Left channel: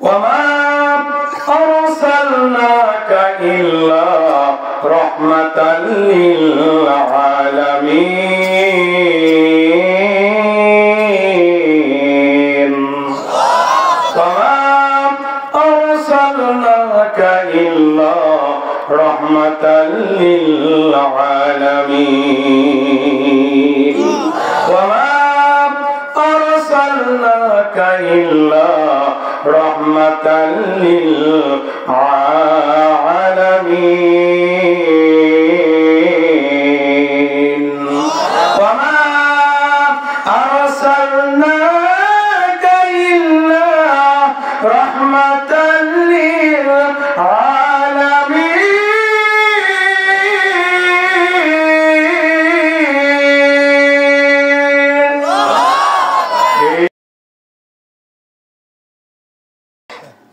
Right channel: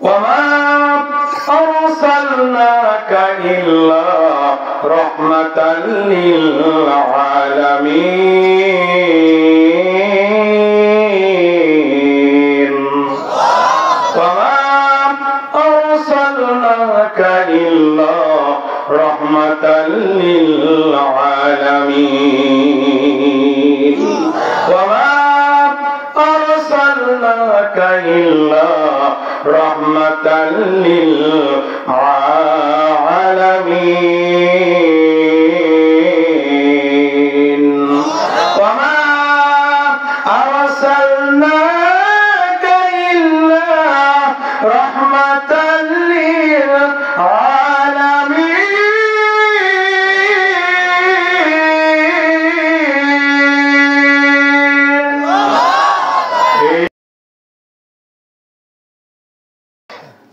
وما أرسلناك إلا رحمة للعالمين وما أرسلناك إلا رحمة للعالمين وما أرسلناك إلا رحمة للعالمين وما أرسلناك إلا رحمة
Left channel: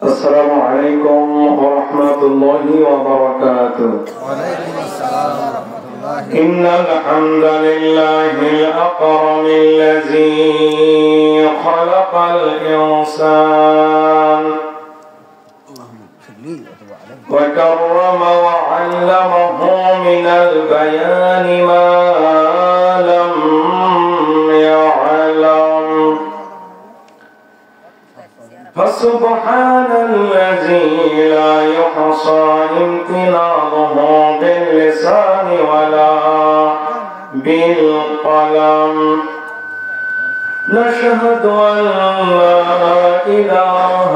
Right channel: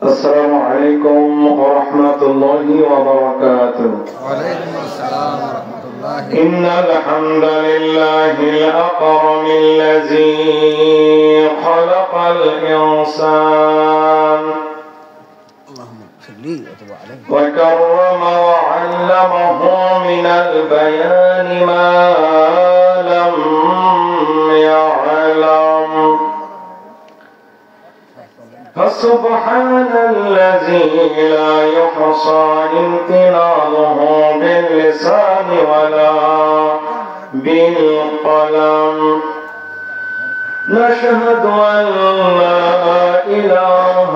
السلام عليكم ورحمة الله وبركاته. وعليكم السلام ورحمة الله. إن الحمد لله الأكرم الذي خلق الإنسان وكرم وعلمه من البيان ما لم يعلم فسبحان الذي لا يحصى امتنانه باللسان ولا بالقلم نشهد أن لا إله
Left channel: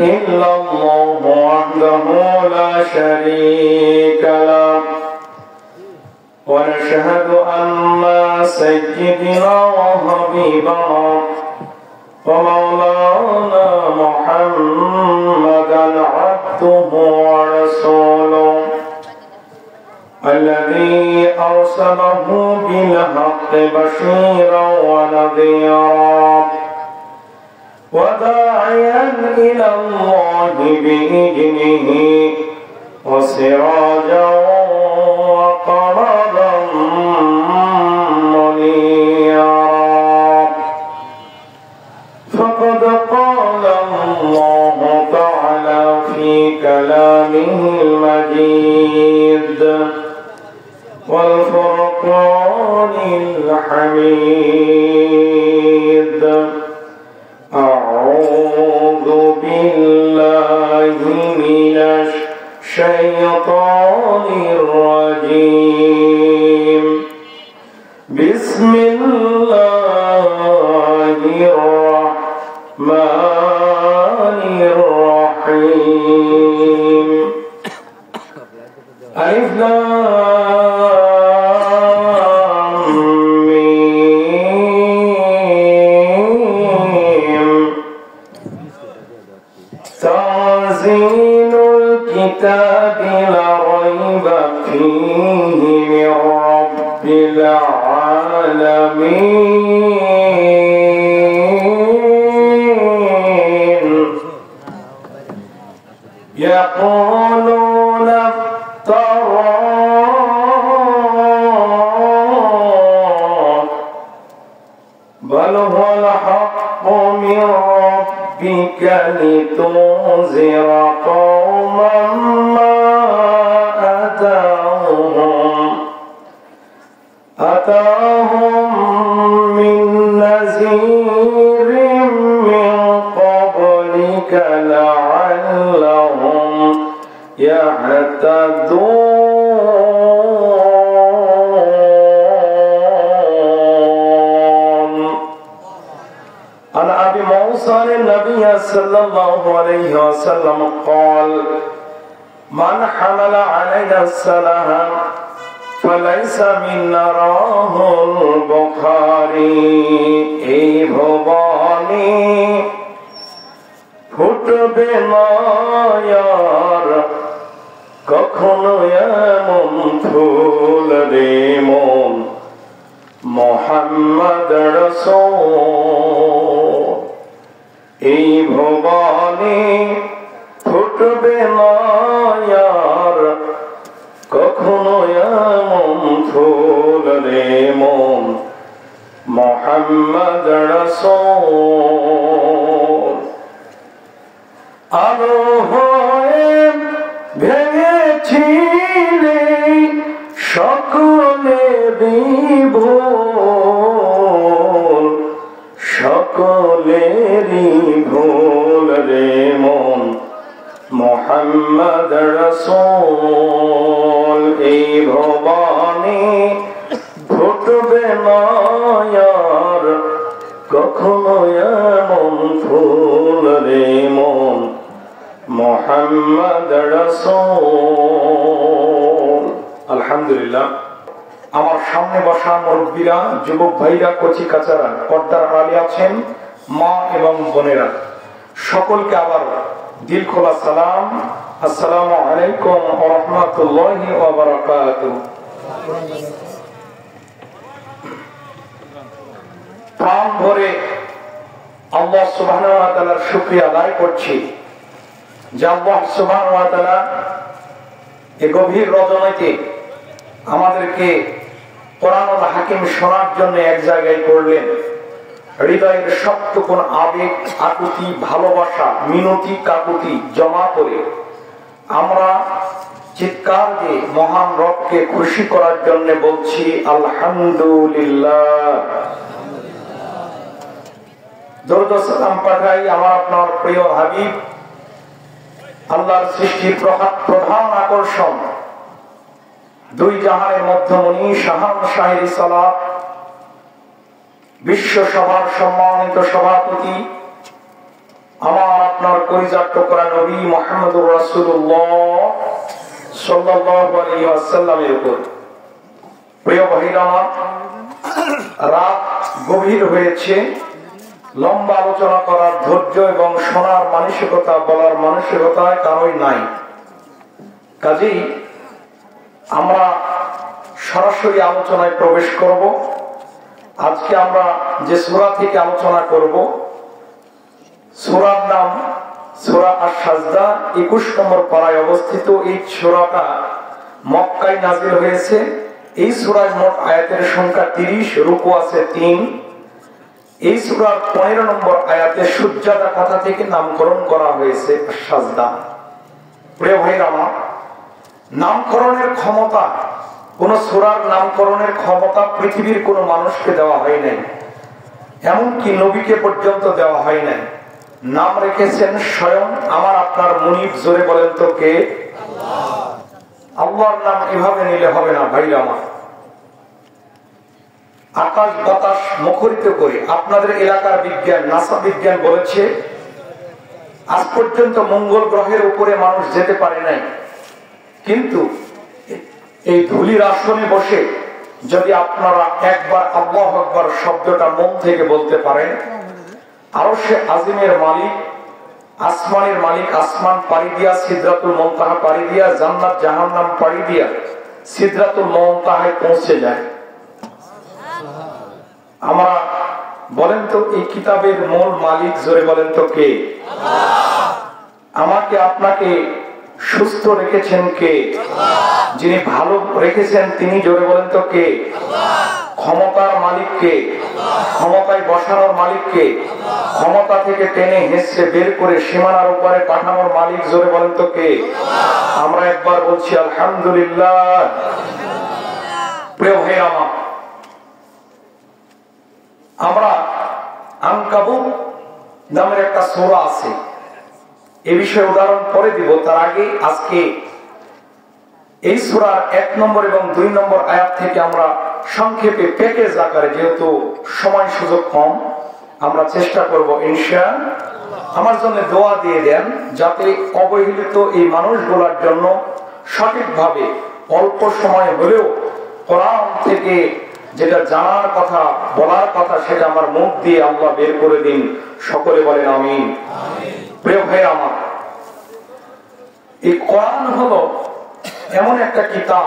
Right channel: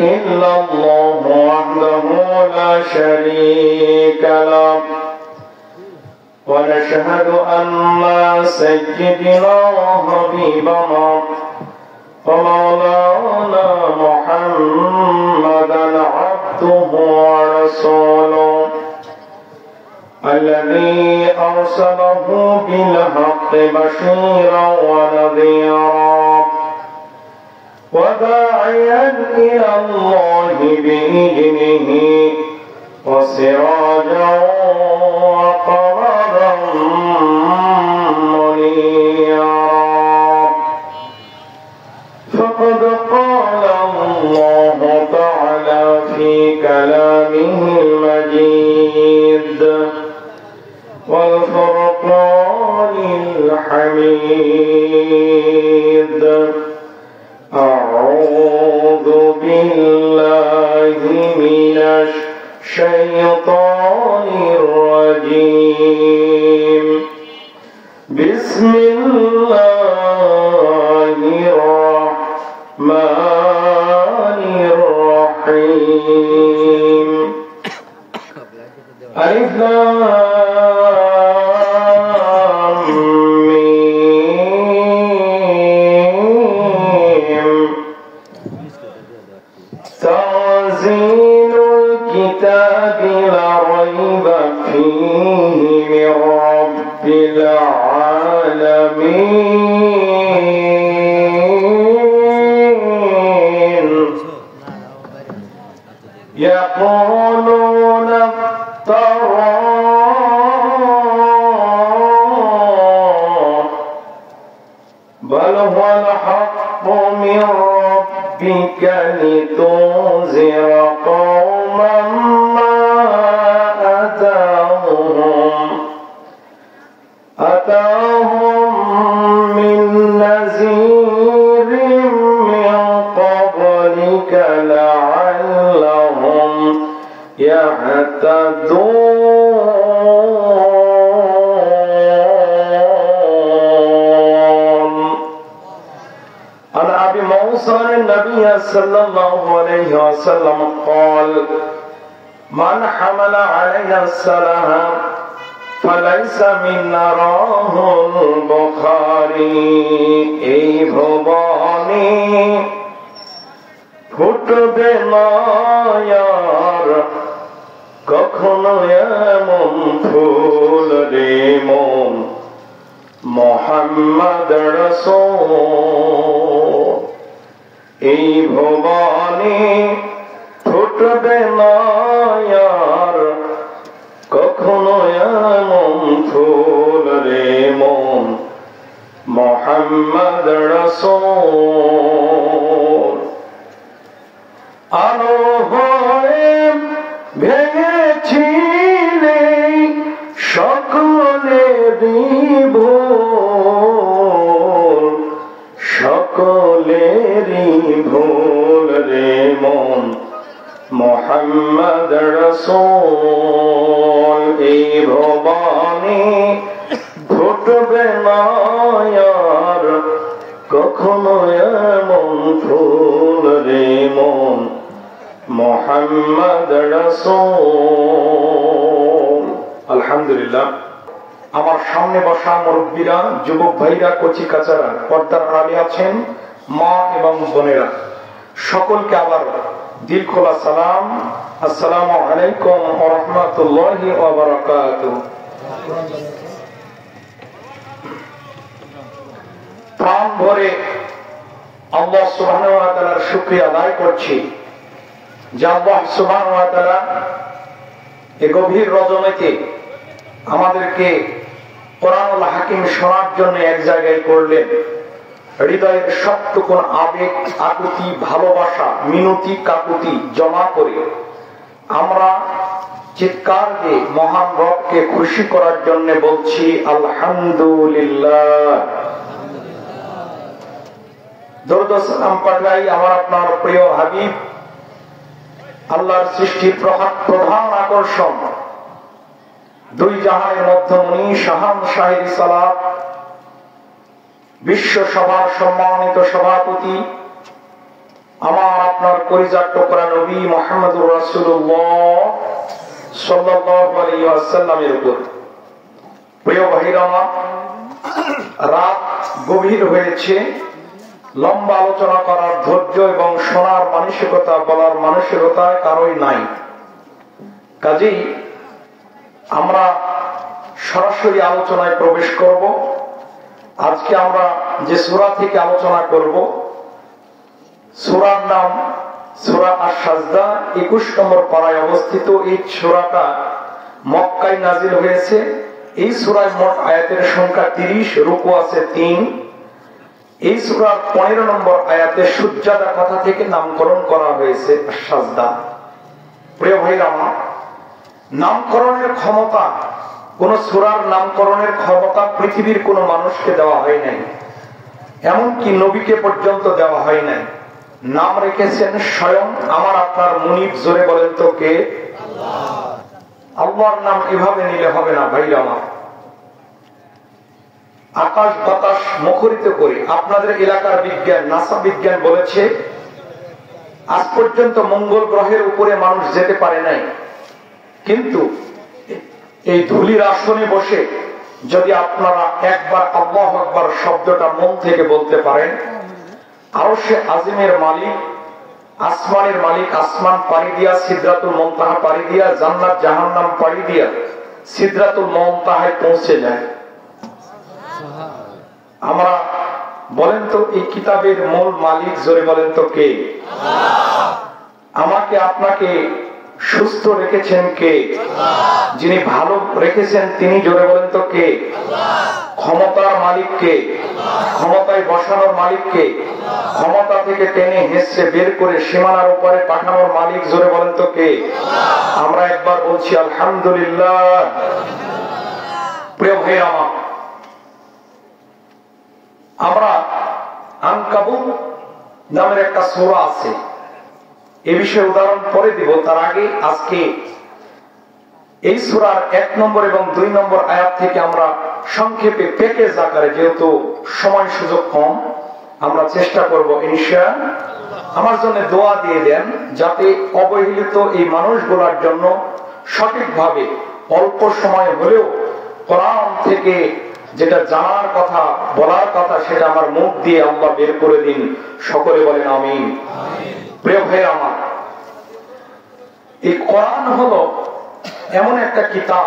إلا الله وحده لا شريك له ونشهد أن سيدنا وحبيبنا ومولانا محمدا عبده ورسوله الذي أرسله بالحق بشيرا ونذيرا وداعيا إلى الله بإذنه وسراجا وقمرا منيرا فقد قال الله تعالى في كلامه المجيد والفرقان الحميد أعوذ بالله من الشيطان الرجيم بسم الله الرحمن الرحيم ألف لام ميم تنزيل الكتاب لا ريب فيه من رب العالمين يقولون بل هو الحق من ربك لتنذر قوما ما أتاهم من نذير من قبلك لعلهم يهتدون. عن أبي موسى النبي صلى الله عليه وسلم قال من حمل علينا السلام فليس منا رواه البخاري. এই ভবানী ফুটবে না আর কখনো এমন ফুল রে মন মুহাম্মদ রাসূল। এই ভবানী ফুটবে না আর কখনো এমন ফুল রে মন মুহাম্মদ রাসূল। আলো হয়ে ভেঙেছিলে সকলেরই ভুল, সকলেরই ভুল রে মন মুহাম্মদ রাসূল। এই ভবানী ঘটবে না আর কখনো এমন ফুল রে মন মুহাম্মদ রাসূল। আলহামদুলিল্লাহ, আমার সামনে বসা মুরব্বীরা, যুবক ভাইরা, কচি কাচারা, পর্দার আড়ালে আছেন মা এবং বোনেরা, সকলকে আবার দিল খোলা সালাম। আসসালামু আলাইকুম ওয়া রাহমাতুল্লাহি ওয়া বারাকাতুহু। প্রাণ ভরে আল্লাহ সুবহানাহু ওয়া তাআলার শুকরিয়া আদায় করছি যে আল্লাহ সুবহানাহু ওয়া তাআলা এই গভীর রজনীতে আমাদেরকে কোরআনুল হাকিম শোনার জন্য এক জায়গায় করলেন। হৃদয়ের সবটুকুন আবেগ, আকুতি, ভালোবাসা, মিনতি, কাকুতি জমা করে আমরা চিৎকার দিয়ে মহান রবকে খুশি করার জন্য বলছি আলহামদুলিল্লাহ। দরুদ ও সালাম পাঠাই আমার আপনার প্রিয় হাবিব, আল্লাহর সৃষ্টির প্রধান আকর্ষণ, দুই জাহানের মধ্যমণি, শাহান শাহের সালাত, বিশ্ব সভার সম্মানিত সভাপতি, আমার আপনার কলিজার টুকরা নবী মুহাম্মদুর রাসূলুল্লাহ সাল্লাল্লাহু আলাইহি ওয়াসাল্লামের উপর। প্রিয় ভাইরা, রাত গভীর হয়েছে, লম্বা আলোচনা করার ধৈর্য এবং শোনার মানসিকতা, বলার মানসিকতা কারোই নাই। কাজেই আমরা সরাসরি আলোচনায় প্রবেশ করব। আজকে আমরা যে সূরা থেকে আলোচনা করব, সূরার নাম সূরা আশ-সাজদা, 21 নম্বর পারায় অবস্থিত। এই সূরাটা মক্কায় নাযিল হয়েছে। এই সূরায় মোট আয়াতের সংখ্যা 30, রুকু আছে 3। এই সূরার 15 নম্বর আয়াতে সুজদা কথা থেকে নামকরণ করা হয়েছে আশ-সাজদা। প্রিয় ভাইরা আমার, নামকরণের ক্ষমতা, কোন সূরার নামকরণের ক্ষমতা পৃথিবীর কোন মানুষকে দেওয়া হয় নাই, এমনকি নবীকে পর্যন্ত দেওয়া হয় নাই। নাম রেখেছেন স্বয়ং আমার আপনার মুনিব। জোরে বলেন তো কে? আল্লাহর নাম এভাবে নিলে হবে না ভাইরা আমার। আকাশ বাতাস মুখরিত করে আপনাদের এলাকার বিজ্ঞান, নাসা বিজ্ঞান বলেছে আজ পর্যন্ত মঙ্গল গ্রহের উপরে মানুষ যেতে পারে নাই, কিন্তু এই ধুলির আসনে বসে যদি আপনারা একবার আল্লাহু আকবার শব্দটা মন থেকে বলতে পারেন, আরশে আজিমের মালিক, আসমানের মালিক, আসমান পাড়ি দিয়া সিদরাতুল মুনতাহা পাড়ি দিয়া জান্নাত জাহান্নাম পাড়ি দিয়া সিদরাতুল মুনতাহায় পৌঁছে যায়। আমরা বলেন তো এই কিতাবের মূল মালিক, জোরে বলেন তো কে? আমাকে আপনাকে সুস্থ রেখেছেন কে? যিনি ভালো রেখেছেন তিনি, জোরে বলেন তো কে? ক্ষমতার মালিক কে? ক্ষমতায় বসানোর মালিক কে? ক্ষমতা থেকে টেনে হেসে বের করে সীমানার উপরে পাঠানোর মালিক, জোরে বলেন তো কে? আমরা একবার বলছি আলহামদুলিল্লাহ। প্রিয় ভাই আমার, আমরা আনকাবুত নামের একটা সূরা আছে, এ বিষয়ে উদাহরণ পরে দিব। তার আগে আজকে এই সূরার 1 নম্বর এবং 2 নম্বর আয়াত থেকে আমরা সংক্ষেপে প্যাকেজ আকারে, যেহেতু সময় সুযোগ কম, আমরা চেষ্টা করব ইনশাআল্লাহ। আমার জন্য দোয়া দিয়ে দেন যাতে অবহেলিত এই মানুষগুলোর জন্য সঠিকভাবে অল্প সময় হলেও কোরআন থেকে যেটা জানার কথা, বলার কথা, সেটা আমার মুখ দিয়ে আল্লাহ বের করে দিন। সকলে বলেন আমিন। প্রিয় ভাই আমার, এই কোরআন হলো এমন একটা কিতাব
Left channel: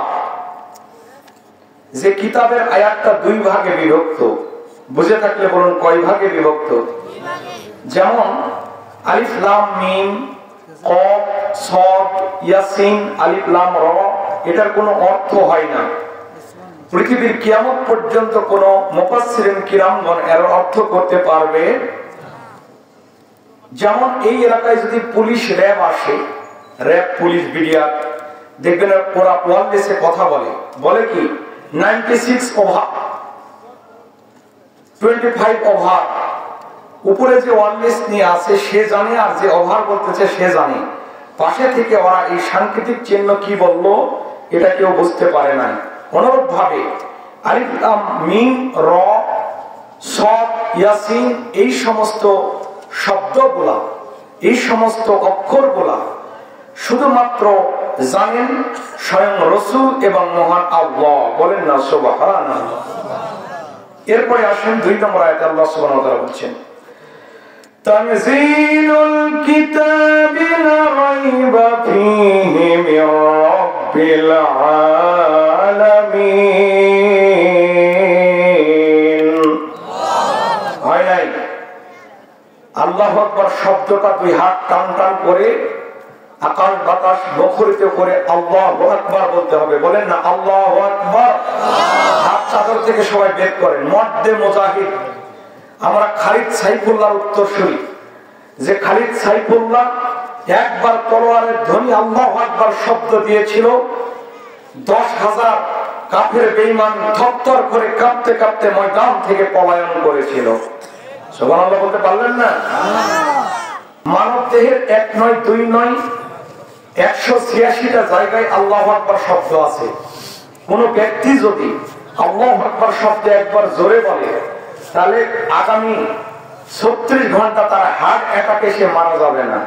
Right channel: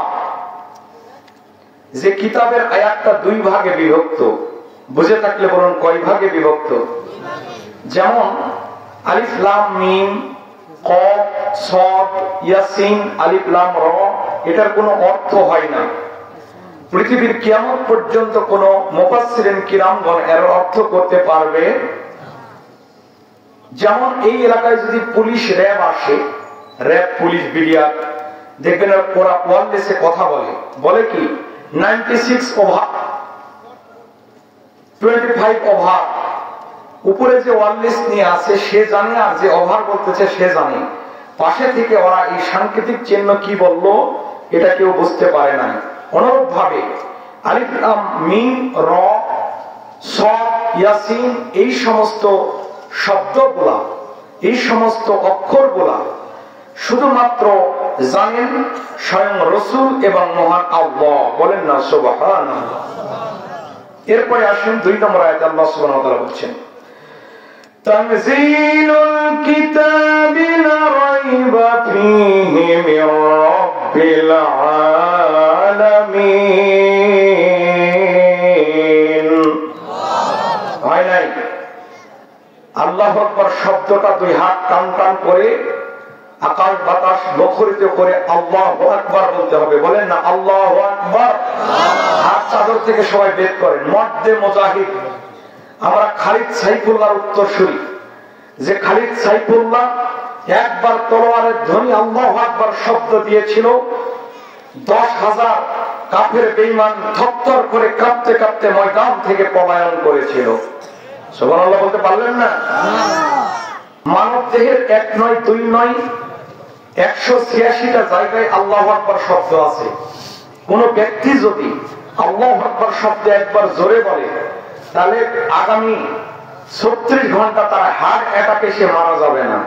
যে কিতাবের আয়াতটা 2 ভাগে বিভক্ত। বুঝে থাকলে বলুন কয় ভাগে বিভক্ত? যেমন আলিফ লাম মিম, কফ, সদ, ইয়াসিন, আলিফ লাম র, এটার কোনো অর্থ হয় না। পৃথিবীর কিয়ামত পর্যন্ত কোন মুফাসসিরিন কিরামগণ এর অর্থ করতে পারবে যেমন এই এলাকায় যদি পুলিশ র্যাব আসে, র্যাব পুলিশ বিডিআর, দেখবেন ওরা ওয়ারলেসে কথা বলে কি 96 ওভার 25 ওভার, উপরে যে ওয়ারলেস নিয়ে আছে সে জানে, আর যে ওভার বলতেছে সে জানে। পাশে থেকে ওরা এই সাংকেতিক চিহ্ন কি বললো এটা কেউ বুঝতে পারে না। অনুরূপ ভাবে আলিফ লাম মিম র সদ ইয়াসিন এই সমস্ত শব্দগুলা, এই সমস্ত অক্ষরগুলা শুধুমাত্র জানেন স্বয়ং রাসূল এবং মহান আল্লাহ। বলেন না সুবহানাল্লাহ। এরপরে আসেন 2 নম্বর আয়াতে আল্লাহ সুবহানাহু ওয়া তাআলা বলছেন তানজিলুল কিতাবি লা রাইবা ফীহি মির রাব্বিল আলামিন। হয় নাই আল্লাহু আকবার শব্দটা দুই হাত টান টান করে আকাশ বাতাস মুখরিত করে আল্লাহু আকবার বলতে হবে। বলেন না আল্লাহু আকবার। হাত চাদর থেকে সবাই বের করেন। মর্দে মুজাহিদ আমরা খালিদ সাইফুল্লাহর উত্তরসূরি, যে খালিদ সাইফুল্লাহ একবার তলোয়ারের ধ্বনি আল্লাহু আকবার শব্দ দিয়েছিল, 10,000 কাফের বেঈমান থরথর করে কাঁপতে কাঁপতে ময়দান থেকে পলায়ন করেছিল। সুবহানাল্লাহ বলতে পারলেন না? মানব দেহের 1 নয় 2 নয় 186টা জায়গায় আল্লাহু আকবার শব্দ আছে। কোন ব্যক্তি যদি আল্লাহু আকবার শব্দ একবার জোরে বলে তাহলে আগামী 36 ঘন্টা তার হার্ট অ্যাটাকে সে মারা যাবে না।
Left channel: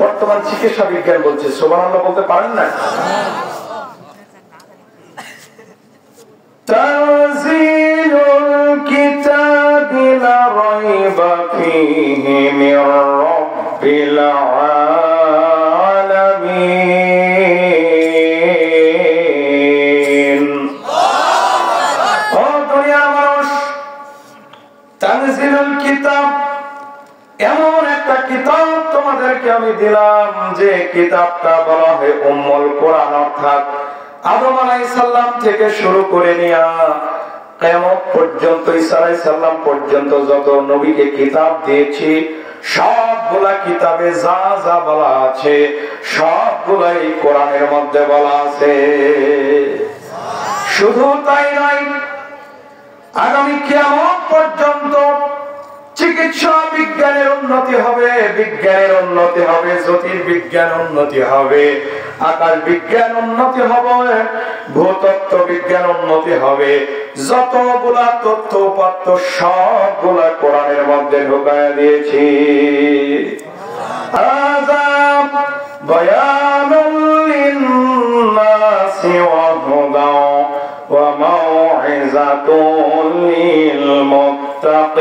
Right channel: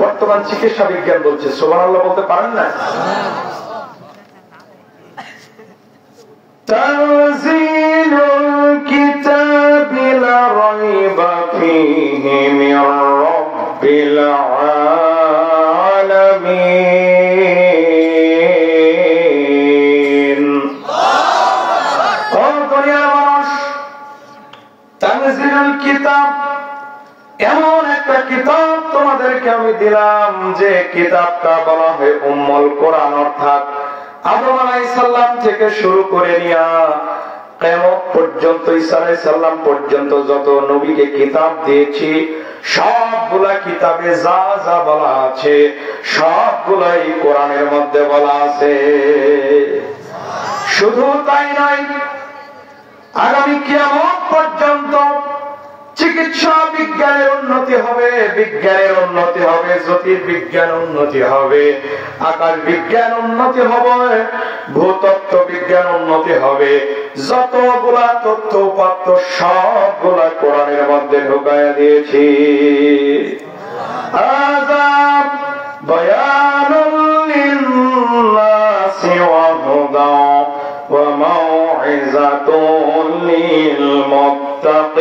বর্তমান চিকিৎসা বিজ্ঞান বলছে। সুবহানাল্লাহ বলতে পারেন না? তানজিলুল কিতাবি লা রাইবা ফীহি মির রাব্বিল আলামিন। ও দুনিয়ার মানুষ, তানজিলুল কিতাব এমন একটা কিতাব তোমাদেরকে আমি দিলাম যে কিতাবটা বলা হয় উম্মুল কোরআন, অর্থাৎ আদম আলাইহিস সালাম থেকে শুরু করে নিয়া কিয়ামত পর্যন্ত ঈসা আলাইহিস সালাম পর্যন্ত যত নবীকে কিতাব দিয়েছি সবগুলা কিতাবে যা যা বলা আছে সবগুলাই কোরআনের মধ্যে বলা আছে। শুধু তাই নয়, আগামী কিয়ামত পর্যন্ত চিকিৎসা বিজ্ঞানের উন্নতি হবে, বিজ্ঞানের উন্নতি হবে, জ্যোতির্বিজ্ঞান উন্নতি হবে, আকাশ বিজ্ঞান উন্নতি হবে, ভূতত্ত্ব বিজ্ঞান উন্নতি হবে। যতগুলা তথ্য উপাত্ত সবগুলা কোরআনের মধ্যে ঢুকায়া দিয়েছি। আযাব বায়ানুল লিন্নাসি ওয়া হুদা ওয়া মাউইযাতুল লিল মুত্তাকিন।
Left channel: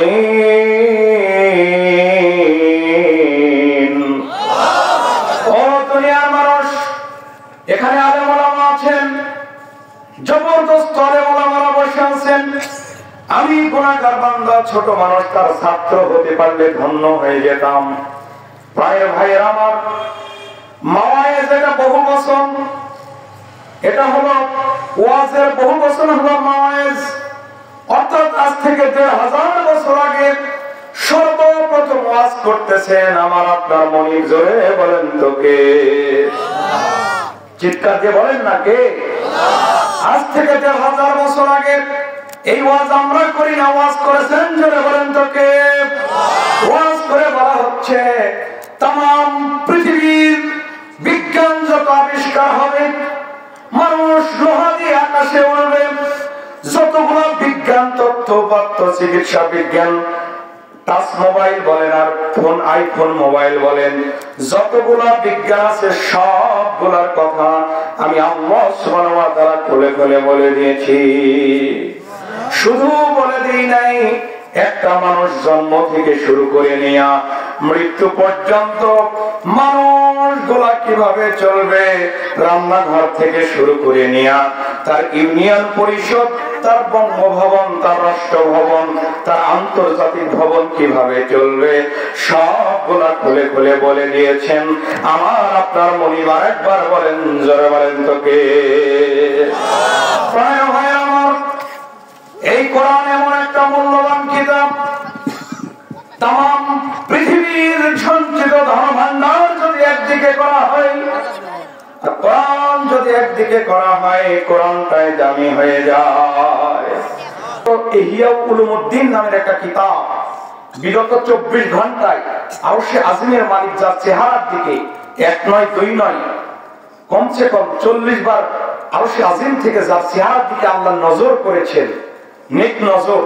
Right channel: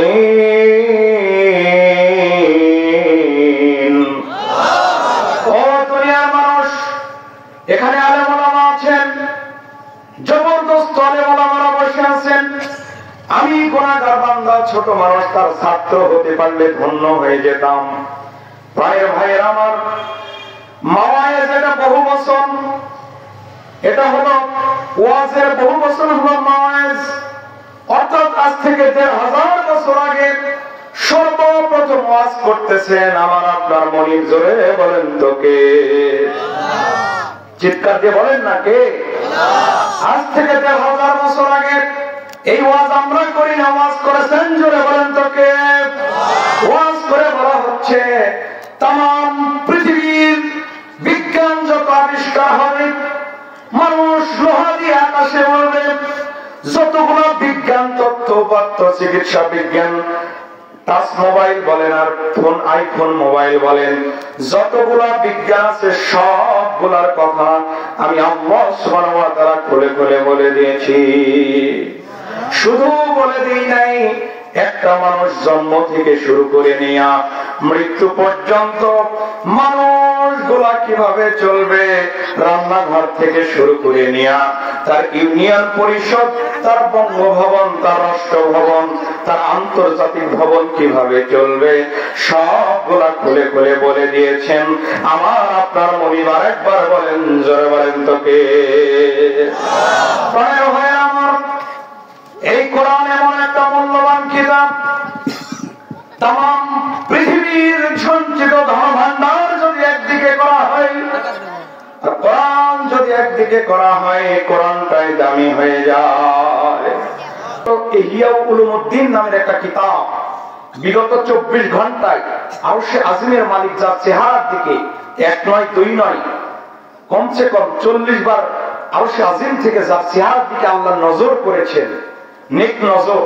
ও দুনিয়ার মানুষ, এখানে আলেম ওলামা আছেন, জবরদস্ত আলেম ওলামারা বসে আছেন। আমি গুনাহগার বান্দা ছোট মানুষ, তার ছাত্র হতে পারলে ধন্য হয়ে যেতাম। ভাইয়ের ভাইয়ের আমার, মাওয়ায়েজ এটা বহু বচন, এটা হলো ওয়াজের বহু বচন হলো মাওয়ায়েজ। অর্থাৎ আজ থেকে 1000 বছর আগে সর্বপ্রথম ওয়াজ করতেছেন আমার আপনার মনির। জোরে বলেন তো কে? চিৎকার দিয়ে বলেন না কে? আজ থেকে 1000 বছর আগে এই ওয়াজ আমরা করি না, ওয়াজ করেছেন। জোরে বলেন তো কে? ওয়াজ করে বলা হচ্ছে তাম পৃথিবীর বিজ্ঞান যত আবিষ্কার হবে, মানুষ লোহা দিয়ে আকাশে উড়বে, যতগুলো বিজ্ঞান তথ্য উপাত্ত চিকিৎসা বিজ্ঞান, টাচ মোবাইল বলেন আর ফোন আইফোন মোবাইল বলেন, যতগুলা বিজ্ঞান আছে সবগুলার কথা আমি আল্লাহ সুবহানাহু ওয়া তাআলা খুলে খুলে বলে দিয়েছি। শুধু বলে দিই নাই, একটা মানুষ জন্ম থেকে শুরু করে নিয়া মৃত্যু পর্যন্ত মানুষগুলা কিভাবে চলবে, রান্নাঘর থেকে শুরু করে নিয়া তার ইউনিয়ন পরিষদ, তার বঙ্গভবন, তার রাষ্ট্রভবন, তার আন্তর্জাতিক ভবন কিভাবে চলবে সবগুলা খুলে খুলে বলে দিয়েছেন আমার আপনার মনিবার। একবার বলেন, জোরে বলেন তো কে? এই কোরআন এমন একটা মূল্যবান কিতাব, তাম পৃথিবীর সঞ্চিত ধন ভান্ডার যদি একদিকে করা হয়, কোরআন যদি একদিকে করা হয়, কোরআনটাই দামি হয়ে যায়। ইহয়া উলুমউদ্দিন নামের একটা কিতাব বিগত 24 ঘন্টায় আরশে আজিমের মালিক যার চেহারার দিকে এক নয় দুই নয় কমসে কম 40 বার আরশে আজিম থেকে যার চেহারার দিকে আল্লাহ নজর করেছেন, নেক নজর,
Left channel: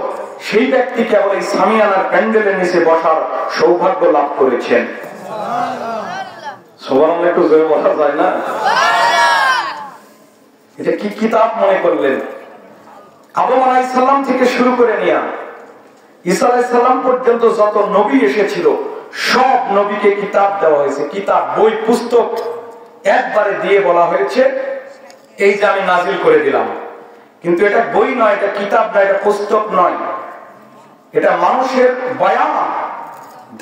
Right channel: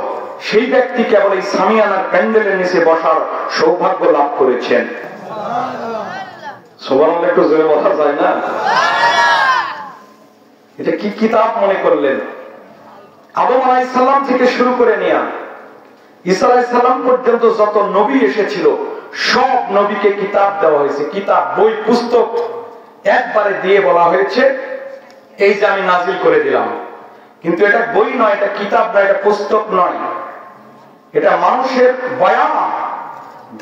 সেই ব্যক্তি কেবল এই সামিয়ানার প্যান্ডেলের নিচে বসার সৌভাগ্য লাভ করেছেন। সুবহানাল্লাহ, একটু জোরে বলা যায় না? এটা কি কিতাব মনে করলেন? আদম আলাইহিস সালাম থেকে শুরু করে নিয়ে ঈসা আলাইহিস সালাম পর্যন্ত যত নবী এসেছিল সব নবীকে কিতাব দেওয়া হয়েছে। কিতাব, বই, পুস্তক একবারে দিয়ে বলা হয়েছে এই যে আমি নাজিল করে দিলাম। কিন্তু এটা বই নয়, এটা কিতাব নয়, এটা পুস্তক নয়, এটা মানুষের বয়ান।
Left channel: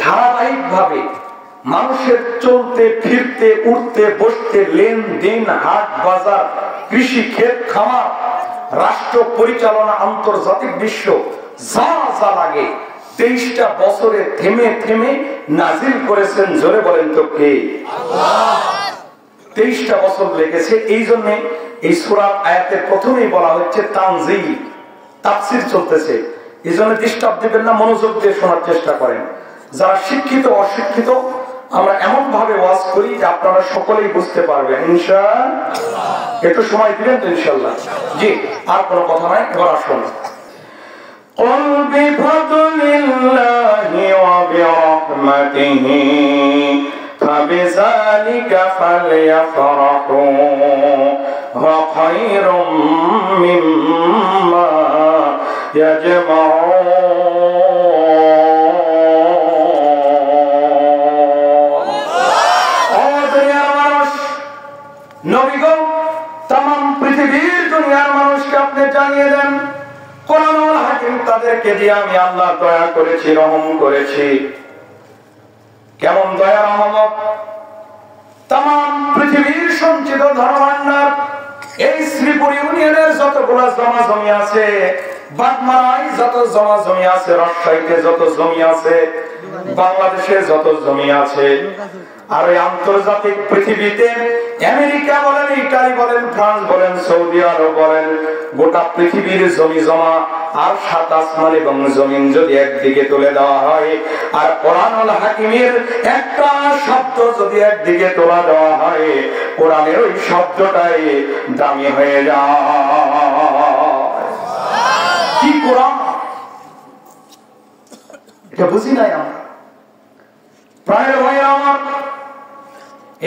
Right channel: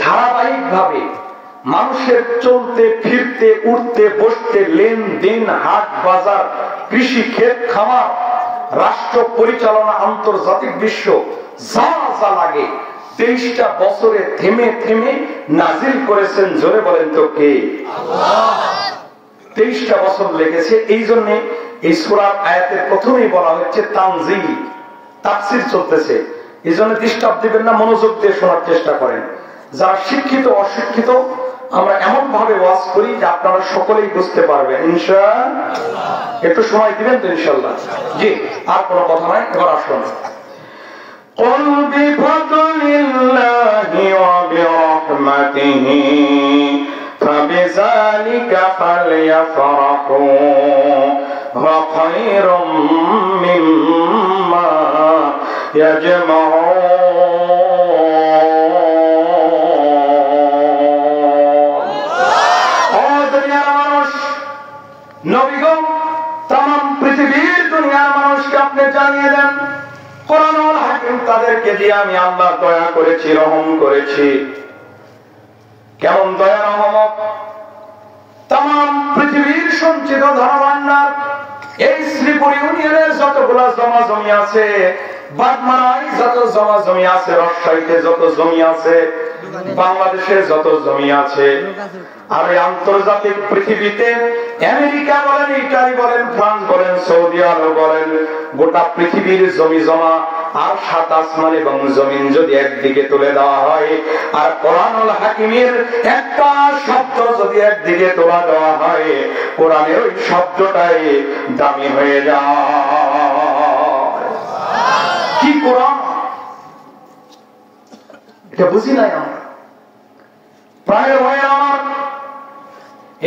ধারাবাহিক ভাবে মানুষের চলতে ফিরতে, উঠতে বসতে, লেনদেন, হাট বাজার, কৃষি, ক্ষেত খামার, রাষ্ট্র পরিচালনা, আন্তর্জাতিক বিশ্ব, যা যা লাগে 23টা বছরে থেমে থেমে নাজিল করেছেন। জোরে বলেন তো কে? আল্লাহ। 23টা বছর লেগেছে। এই জন্য এই সূরার আয়াতের প্রথমেই বলা হচ্ছে তানজিল, তাফসীর চলতেছে। এই জন্য ডিস্টার্ব দিবেন না, মনোযোগ দিয়ে শোনার চেষ্টা করেন। যারা শিক্ষিত অশিক্ষিত আমরা এমন ভাবে ওয়াজ করি যে আপনারা সকলেই বুঝতে পারবেন ইনশাআল্লাহ। একটু সময় দিবেন তো ইনশাআল্লাহ? জি, আর কোনো কথা নাই, এবার আসুন। قل بفضل الله وبرحمته فبذلك فليفرحوا هو خير مما يجمعون। নবীগণ তাম পৃথিবীর দুনিয়ার মানুষকে আপনি জানিয়ে দেন কোরআনুল হাকিম তাদেরকে দিয়ে আমি আল্লাহ দয়া করেছি, রহম করেছি। কেমন দয়া রহমত? তাম পৃথিবীর সঞ্চিত ধনভান্ডার, এই শ্রীপুর ইউনিয়নের যতগুলা জমা জমি আছে, বাগমারায় যত জমা জমি আছে, রাজশাহীতে যত জমি আছে, বাংলাদেশে যত জমি আছে, আর এই আন্তর্জাতিক পৃথিবীতে আমেরিকা বলেন, ইটালি বলেন, ফ্রান্স বলেন, সৌদি আরব বলেন, গোটা পৃথিবীর জমি জমা আর 7 আসমান এবং জমিন যদি একদিকে তুলে দেওয়া হয়, আর কোরআনুল হাকিমের একটা শব্দ যদি একদিকে তোলা দেওয়া হয়, কোরআনের ওই শব্দটাই দামি হয়ে যায়। কি কোরআন? এটা বুঝি নাই আমরা। প্রায় ভাই আমার,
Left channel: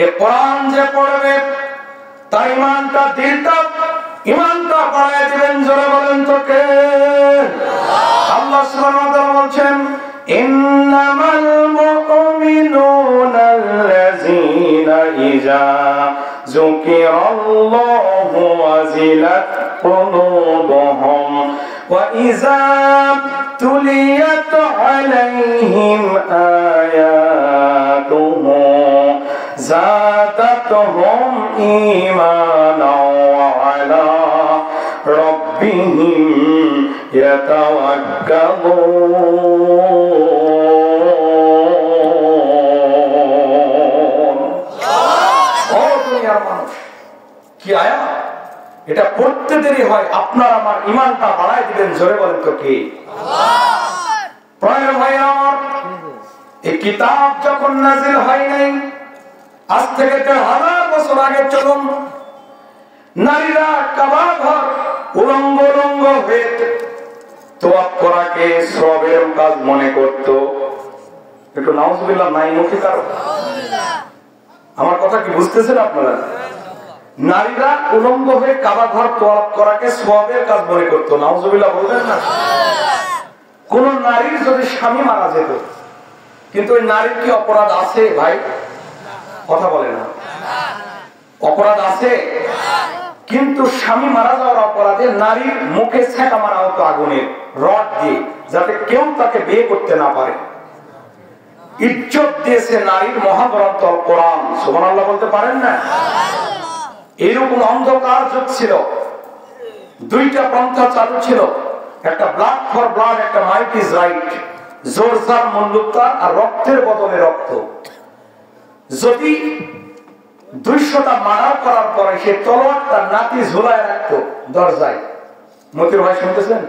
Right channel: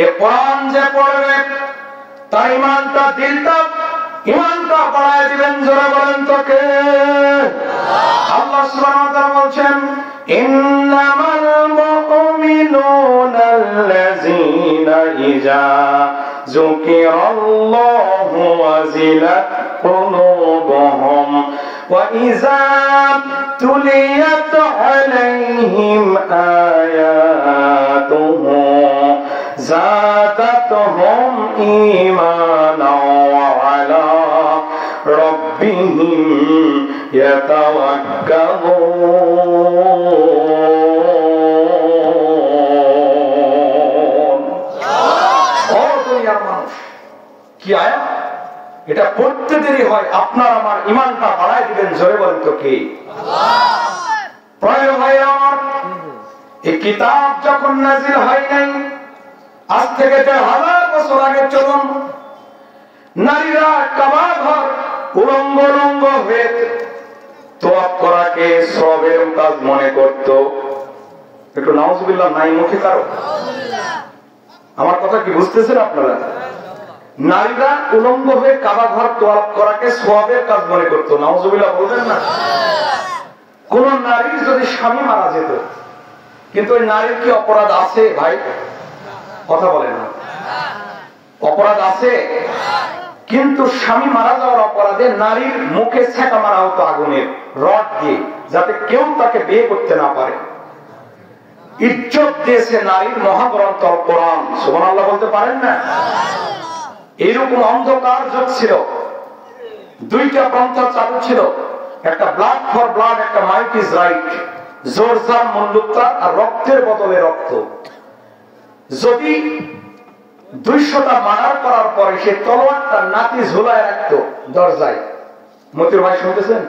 এ কোরআন যে পড়বে তার ইমানটা, দিলটা, ইমানটা বাড়ায় দিবেন। জোরে বলেন তো কে? আল্লাহ সুবহানাহু ওয়া তাআলা বলছেন ইন্নামাল মুমিনুনা আল্লাযীনা ইযা যুকিরাল্লাহু ওয়াজিলাত কুলুবুহুম ওয়া ইযা তুলিয়াত আলাইহিম আয়াতুহু زادتهم إيمانا وعلى ربهم يتوكلون। কি আয়াত এটা? পড়তে দেরি হয়, আপনার আমার ইমানটা বাড়ায় দিবেন। জোরে বলেন তো কি? প্রায় ভাই আমার, এই কিতাব যখন নাজিল হয় নাই, আজ থেকে 1000 বছর আগে চলুন, নারীরা কাবা ঘর উলঙ্গ উলঙ্গ হয়ে তোয়াফ করাকে সওয়াবের কাজ মনে করত। একটু নাউজুবিল্লাহ নাই মুখে কারো? আমার কথা কি বুঝতেছেন আপনারা? নারীরা উলঙ্গ হয়ে কাবা ঘর তোয়াফ করাকে সওয়াবের কাজ মনে করত। নাউজুবিল্লাহ বলবেন না? কোন নারীর যদি স্বামী মারা যেত, কিন্তু ওই নারীর কি অপরাধ আছে ভাই? কথা বলেন না। অপরাধ আছে, কিন্তু স্বামী মারা যাওয়ার অপরাধে নারীর মুখে ছ্যাঁকা মারা হতো আগুনের রড দিয়ে, যাতে কেউ তাকে বিয়ে করতে না পারে। ইজ্জত দিয়েছে নারীর মহাগ্রন্থ কোরআন। সুবহানাল্লাহ বলতে পারেন না? এইরকম অন্ধকার যুগ ছিল, 2টা পন্থা চালু ছিল, একটা ব্লাড ফর ব্লাড, একটা মাইট ইজ রাইট। জোরজার মন্দুকতা আর রক্তের বদলে রক্ত। যদি 200টা মার্ডার করার পরে সে তলোয়ারটা নাতি ঝুলায় রাখতো দরজায়, মতির ভাই শুনতেছেন,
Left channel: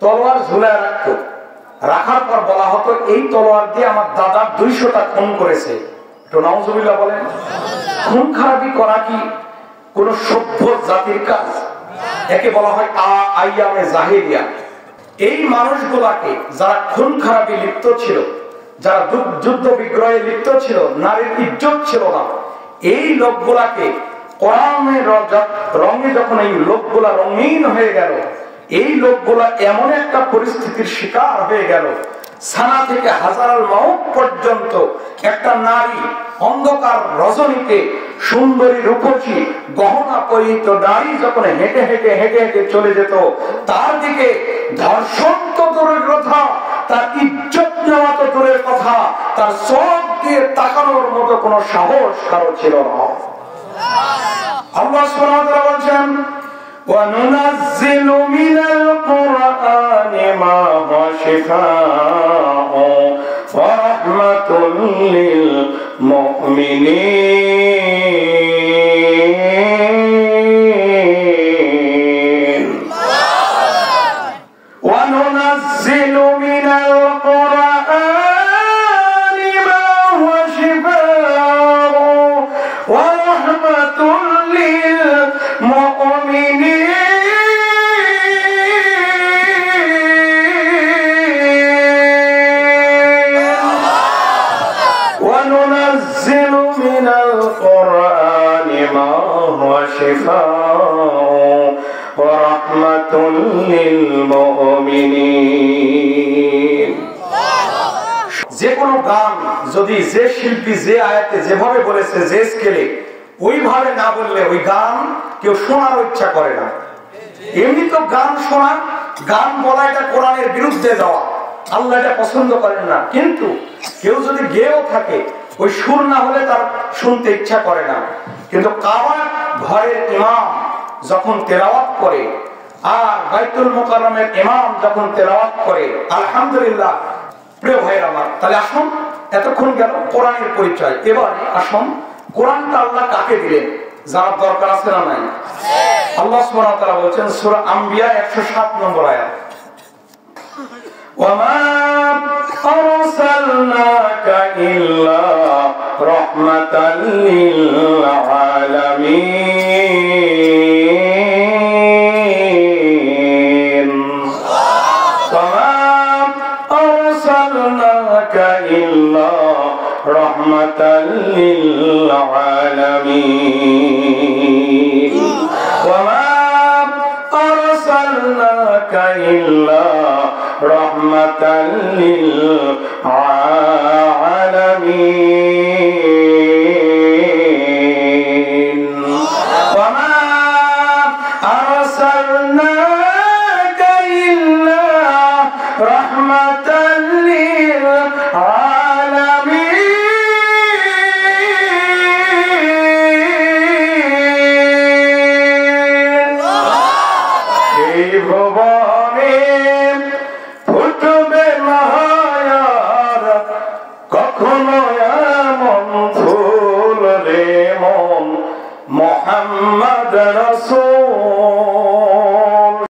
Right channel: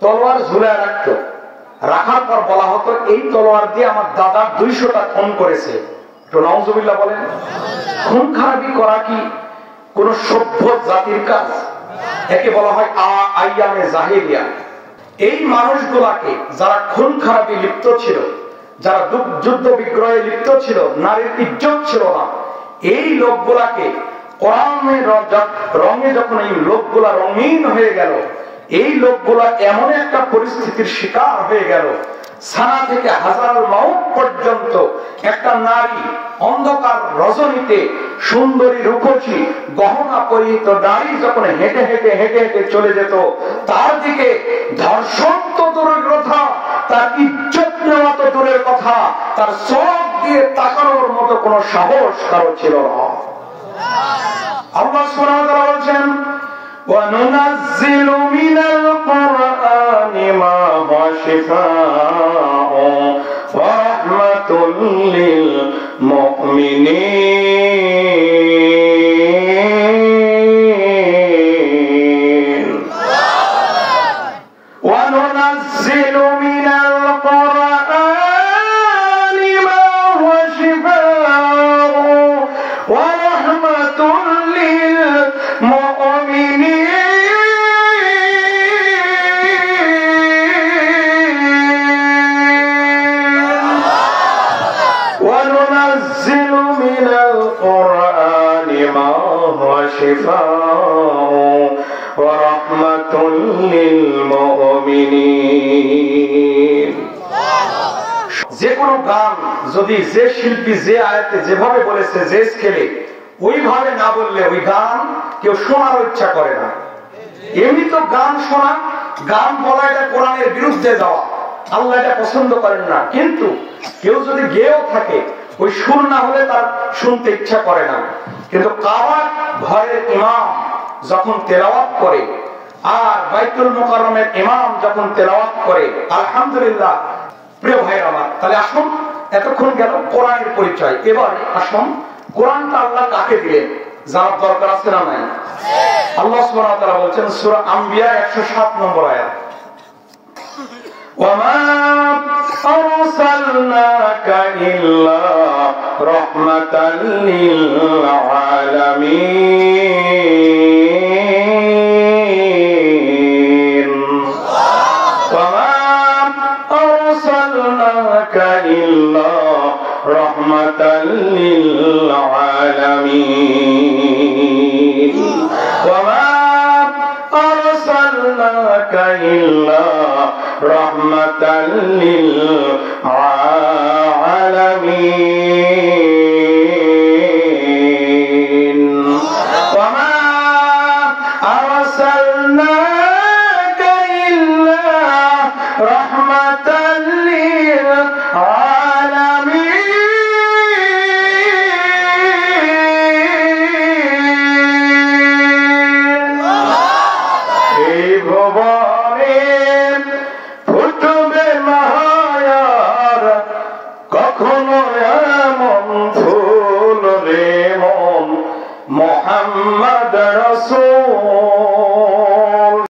তলোয়ার ঝুলায় রাখতো, রাখার পর বলা হতো এই তলোয়ার দিয়ে আমার দাদা 200টা খুন করেছে। একটু নাউজুবিল্লাহ বলেন। খুন খারাপি করা কি কোন সভ্য জাতির কাজ? একে বলা হয় আইয়ামে জাহেলিয়া। এই মানুষগুলাকে যারা খুন খারাপি লিপ্ত ছিল, যারা যুদ্ধ বিগ্রহে লিপ্ত ছিল, নারীর ইজ্জত ছিল না, এই লোকগুলাকে কোরআনের রঙে যখন এই লোকগুলা রঙিন হয়ে গেল, এই লোকগুলা এমন একটা পরিস্থিতির শিকার হয়ে গেল, সানা থেকে হাজার মাউত পর্যন্ত একটা নারী অন্ধকার রজনীতে সুন্দরী রূপসী গহনা পরিহিত নারী যখন হেঁটে হেঁটে হেঁটে হেঁটে চলে যেত, তার দিকে ধর্ষণ তো দূরের কথা, তার ইজ্জত নেওয়া তো দূরের কথা, তার চোখ দিয়ে তাকানোর মতো কোনো সাহস কারো ছিল না। আল্লাহ সুবহানাহু ওয়া তাআলা বলেন, وَنُنَزِّلُ مِنَ الْقُرْآنِ مَا هُوَ شِفَاءٌ وَرَحْمَةٌ لِّلْمُؤْمِنِينَ وَنُنَزِّلُ مِنَ الْقُرْآنِ مَا هُوَ شِفَاءٌ وَرَحْمَةٌ لِّلْمُؤْمِنِينَ وننزل من القرآن ما هو شفاء ورحمة للمؤمنين। যে কোনো গান যদি যে শিল্পী যে আয়াতে যেভাবে বলেছে, যে স্কেলে, ওইভাবে না বললে ওই গান কেউ শোনার ইচ্ছা করে না। এমনি তো গান শোনা, গান বলা এটা কোরআনের বিরুদ্ধে যাওয়া, আল্লাহ এটা পছন্দ করেন না। কিন্তু কেউ যদি গেয়েও থাকে, ওই সুর না হলে তার শুনতে ইচ্ছা করে না। কিন্তু কাবার ঘরের ইমাম যখন তেলাওয়াত করে, আর বাইতুল মুকাররমের ইমাম যখন তেলাওয়াত করে, আলহামদুলিল্লাহ। প্রিয় ভাইরা আমার, তাহলে আসুন, এতক্ষণ গেল কোরআনের পরিচয়, এবারে আসুন কোরআনটা আল্লাহ কাকে দিলেন, যার দরকার আছে না নাই? আল্লাহ সুবহানাহু ওয়া তাআলা বলেন সূরা আম্বিয়া 107 নম্বর আয়াত, وَمَا أَرْسَلْنَاكَ إِلَّا رَحْمَةً لِّلْعَالَمِينَ وَمَا أَرْسَلْنَاكَ إِلَّا رَحْمَةً لِّلْعَالَمِينَ وَمَا أَرْسَلْنَاكَ إِلَّا رحمة للعالمين